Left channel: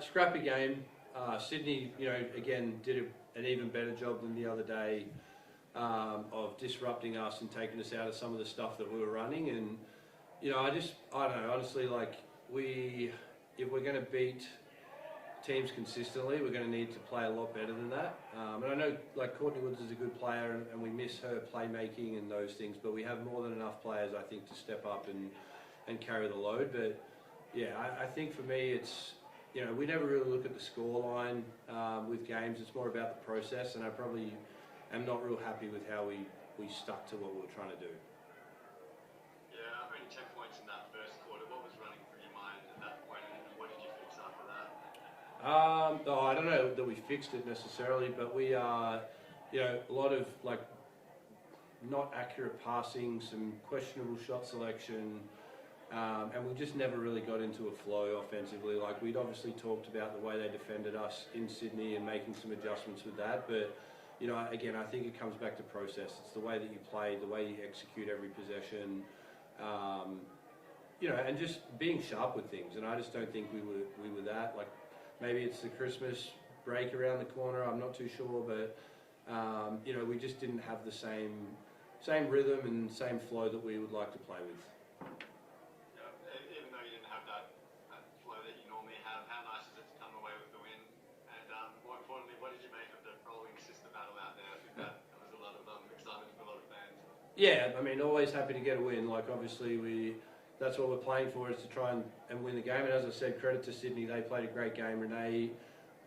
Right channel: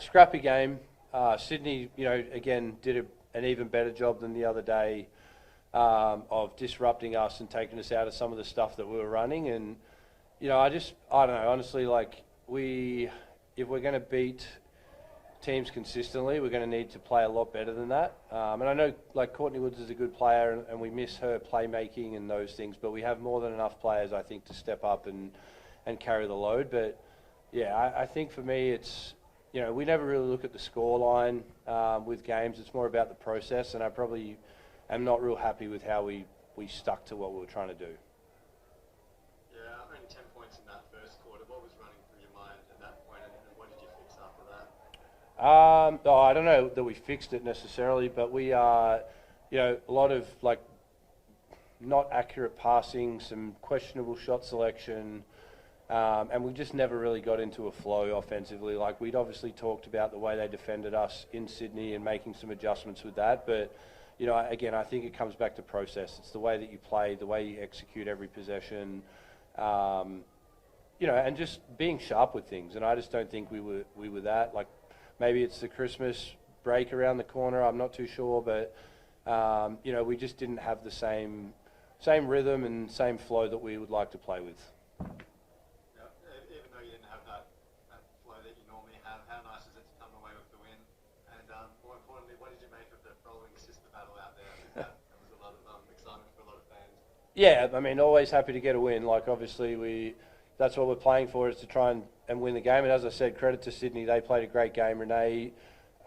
Scrappy game. Sydney, again, did an even better job than the other day of disrupting us and taking us out of some of the stuff that we were running. And, I don't know, honestly, if we're going to beat teams consistently, we're going to need to play a lot better than that. And I know, Courtney Woods is a good player, and we miss her playmaking and those things, but we have more than enough players, I think, to step up and carry the load. But, yeah, I think for me it's, we never really look at the score line with games. It's more about the process, and I probably am not real happy with how we stuck to what we were trying to do. Yeah, only 10 points in that first quarter. What was running through your mind at that point, and what did you fix after that? I don't know that we fixed it necessarily, but we are, a lot of not accurate passing, some questionable shot selection. And we just never really got into a flow offensively. We'd obviously talked about the way they defended us in Sydney and making some adjustments with that. But, again, I think it comes back to process. It's the way that you play, the way you execute every possession, and just being sharp with things. And I just don't think we were that. Maybe it's the Christmas break around the corner. I'm not too sure. But, we just didn't have the same rhythm and same flow that we would like to play with. Yeah, I mean, always happy to get a win. Obviously, that's what we're playing for, is to try and win the game. And as I said, credit to Sydney. They played a great game. Renee,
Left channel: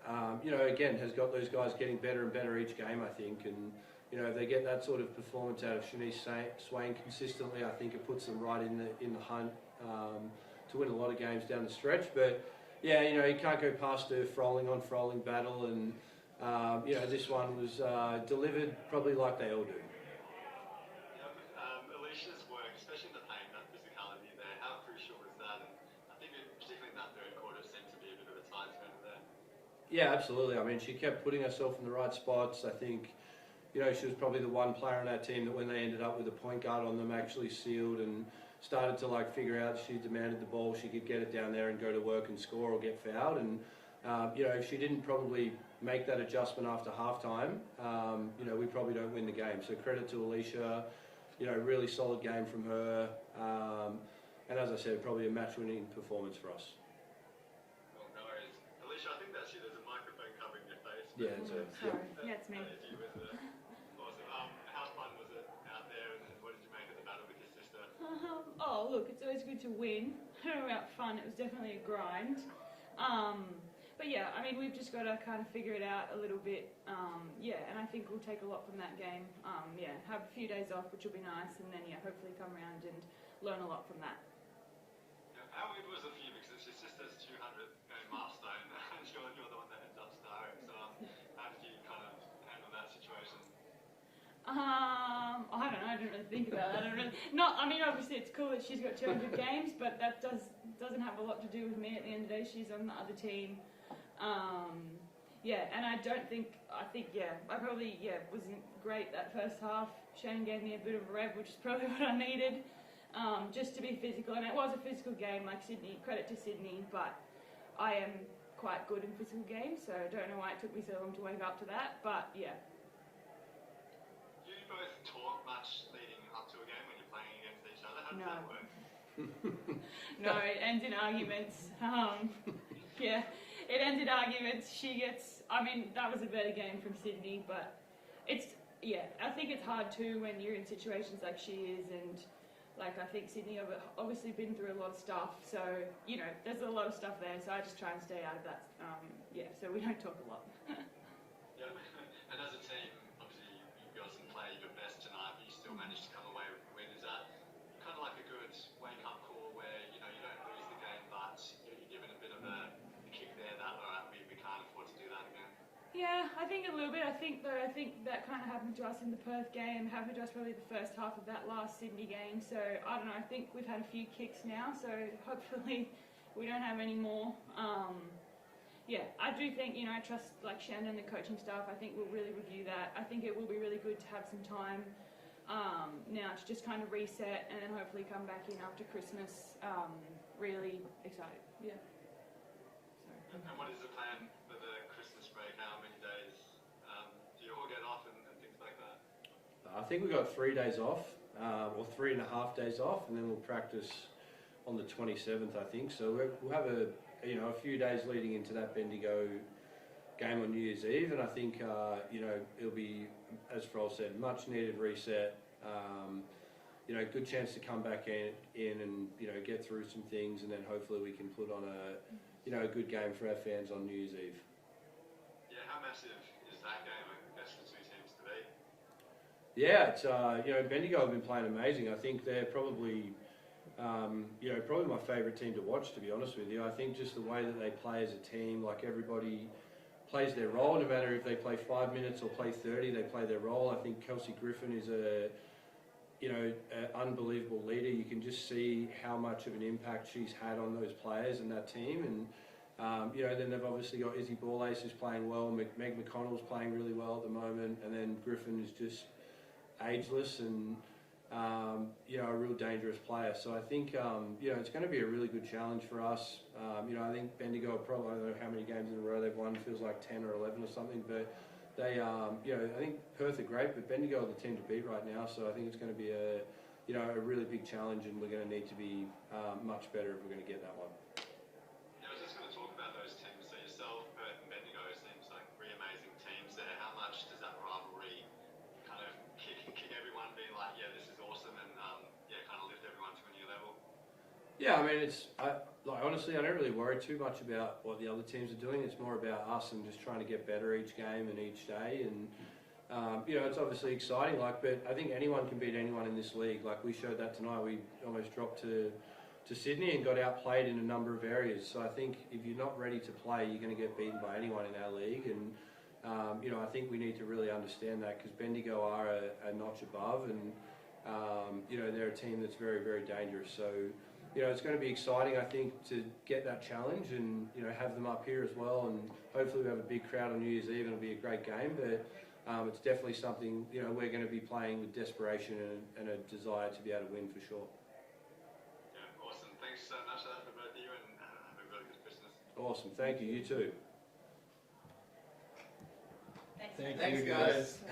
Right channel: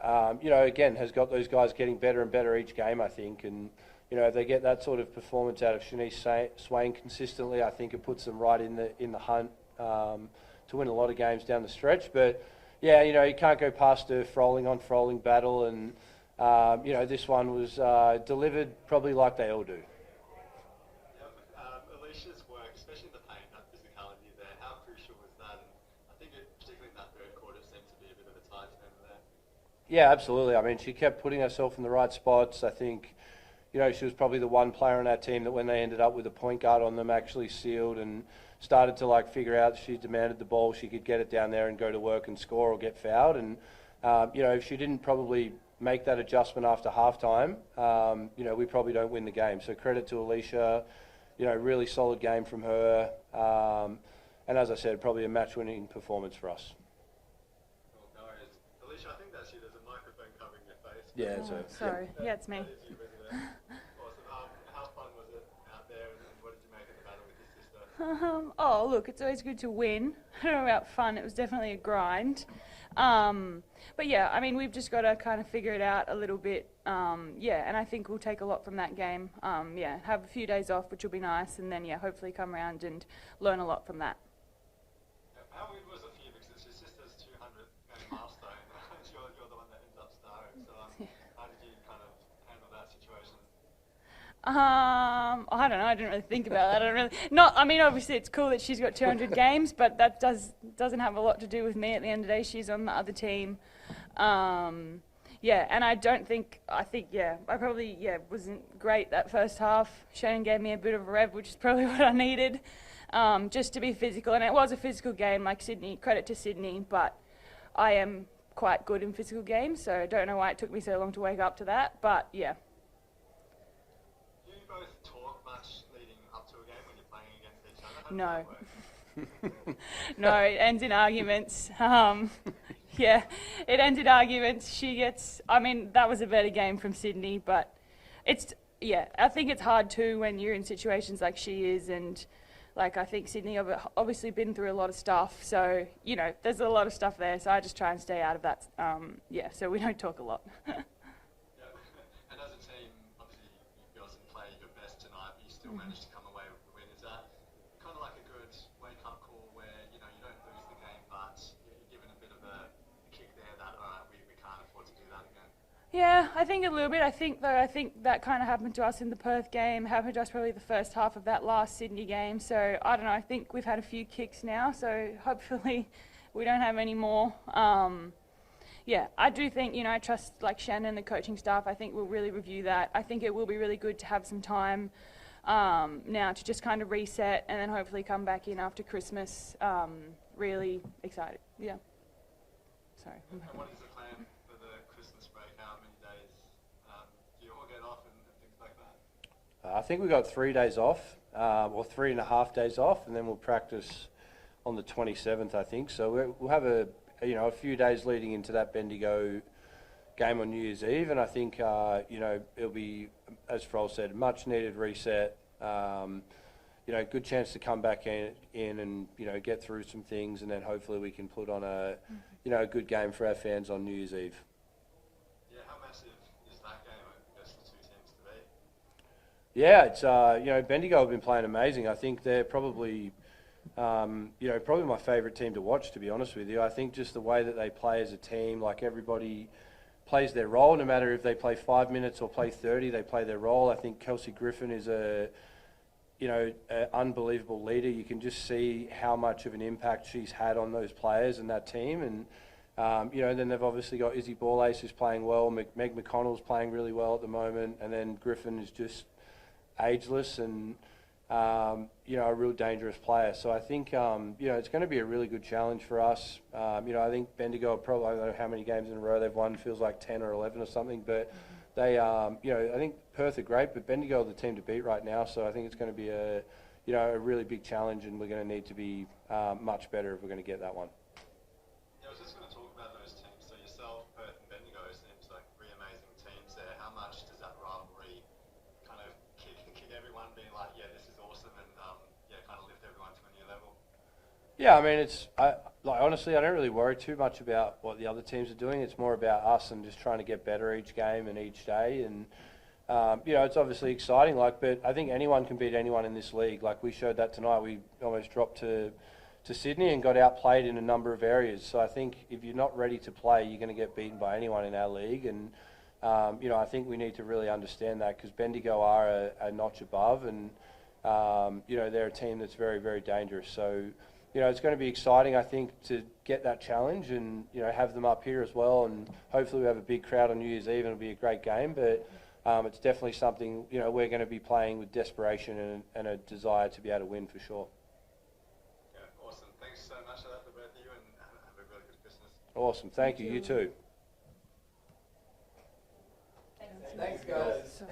again, has got those guys getting better and better each game, I think. And, if they get that sort of performance out of Shanice Swain consistently, I think it puts them right in the hunt to win a lot of games down the stretch. But, yeah, you can't go past the Froling on Froling battle. And, this one was delivered probably like they all do. Alicia's work, especially in the paint, that physicality there, how crucial was that? And I think particularly in that third quarter seemed to be a bit of a time spent there. Yeah, absolutely. I mean, she kept putting herself in the right spots. I think, she was probably the one player on our team that when they ended up with a point guard on them actually sealed and started to figure out she demanded the ball, she could get it down there and go to work and score or get fouled. And, if she didn't probably make that adjustment after halftime, we probably don't win the game. So credit to Alicia. Really solid game from her. And as I said, probably a match-winning performance for us. Well, no worries. Alicia, I think that's you. There's a microphone covering your face. Yeah, sorry. Yeah, it's me. Awesome. How fun was it out there, and what did you make of the battle with your sister? Look, it's always good to win. I don't know about fun. It was definitely a grind. But yeah, I mean, we've just got to kind of figure it out a little bit. And I think we'll take a lot from that game. Have a few days off, which will be nice, and then, hopefully come around and learn a lot from that. How weird was it for you, because it's your sister's 200th milestone, and you're the one that ends up starring, so how did you kind of handle that situation? I don't know, I didn't really think about that. Obviously it's cool that she's got 200 games, but that doesn't have a lot to do with me. At the end of the day, she's on the other team. And I probably wasn't great that first half. Shannon gave me a bit of a rev, which is probably what I needed, just to be physical. And it was a physical game, like Sydney, credit to Sydney, but I am quite good in physical games, so I don't know why it took me so long to wake up to that, but yeah. Do you both talk much leading up to a game when you're playing against each other? No. No, it ends in arguments. It ends in arguments. That was a better game from Sydney, but I think it's hard too when you're in situations like she is, and I think Sydney obviously been through a lot of stuff, so, there's a lot of stuff there, so I just try and stay out of that, so we don't talk a lot. And as a team, obviously you guys didn't play your best tonight, but you still managed to come away with the win. Is that kind of like a good wake-up call where, you don't lose the game, but you're given a bit of a kick there that, all right, we can't afford to do that again? Yeah, I think a little bit. I think that kind of happened to us in the Perth game, happened to us probably the first half of that last Sydney game. So, I don't know, I think we've had a few kicks now, so hopefully we don't have any more. I do think, I trust Shannon and the coaching staff. I think we'll really review that. I think it will be really good to have some time now to just kind of reset and then hopefully come back in after Christmas really excited. Yeah. Sorry. And what is the plan for the Christmas break? How many days do you all get off and things like that? I think we've got 3 days off, or 3.5 days off, and then we'll practice on the 27th, I think. So we'll have a few days leading into that Bendigo game on New Year's Eve, and I think it'll be, as Frol said, much needed reset. Good chance to come back in and get through some things, and then hopefully we can put on a good game for our fans on New Year's Eve. Yeah, how massive is that game? I guess for two teams to beat. Yeah, it's Bendigo have been playing amazing. I think they're probably probably my favourite team to watch, to be honest with you. I think just the way that they play as a team, like everybody plays their role, no matter if they play 5 minutes or play 30, they play their role. I think Kelsey Griffin is an unbelievable leader. You can just see how much of an impact she's had on those players and that team. And then they've obviously got Izzy Borlace who's playing well. Meg McConnell's playing really well at the moment, and then Griffin is just ageless and a real dangerous player. So I think it's going to be a really good challenge for us. I think Bendigo probably, I don't know how many games in a row they've won, feels like 10 or 11 or something, but they I think Perth are great, but Bendigo are the team to beat right now. So I think it's going to be a really big challenge, and we're going to need to be much better if we're going to get that one. Yeah, I was just going to talk about those teams. So yourself, Perth and Bendigo seems like three amazing teams there. How much does that rivalry kind of kick everyone being like, yeah, this is awesome, and kind of lift everyone to a new level? Yeah, I mean, honestly, I don't really worry too much about what the other teams are doing. It's more about us and just trying to get better each game and each day. And it's obviously exciting. But I think anyone can beat anyone in this league. Like we showed that tonight. We almost dropped to Sydney and got outplayed in a number of areas. So I think if you're not ready to play, you're going to get beaten by anyone in our league. And I think we need to really understand that, because Bendigo are a notch above, and they're a team that's very, very dangerous. So it's going to be exciting, I think, to get that challenge and have them up here as well. And hopefully we have a big crowd on New Year's Eve and it'll be a great game. But it's definitely something we're going to be playing with desperation and a desire to be able to win for sure. Yeah, awesome. Thanks so much for both of you, and have a really good Christmas. Awesome. Thank you. You too. Thanks, guys.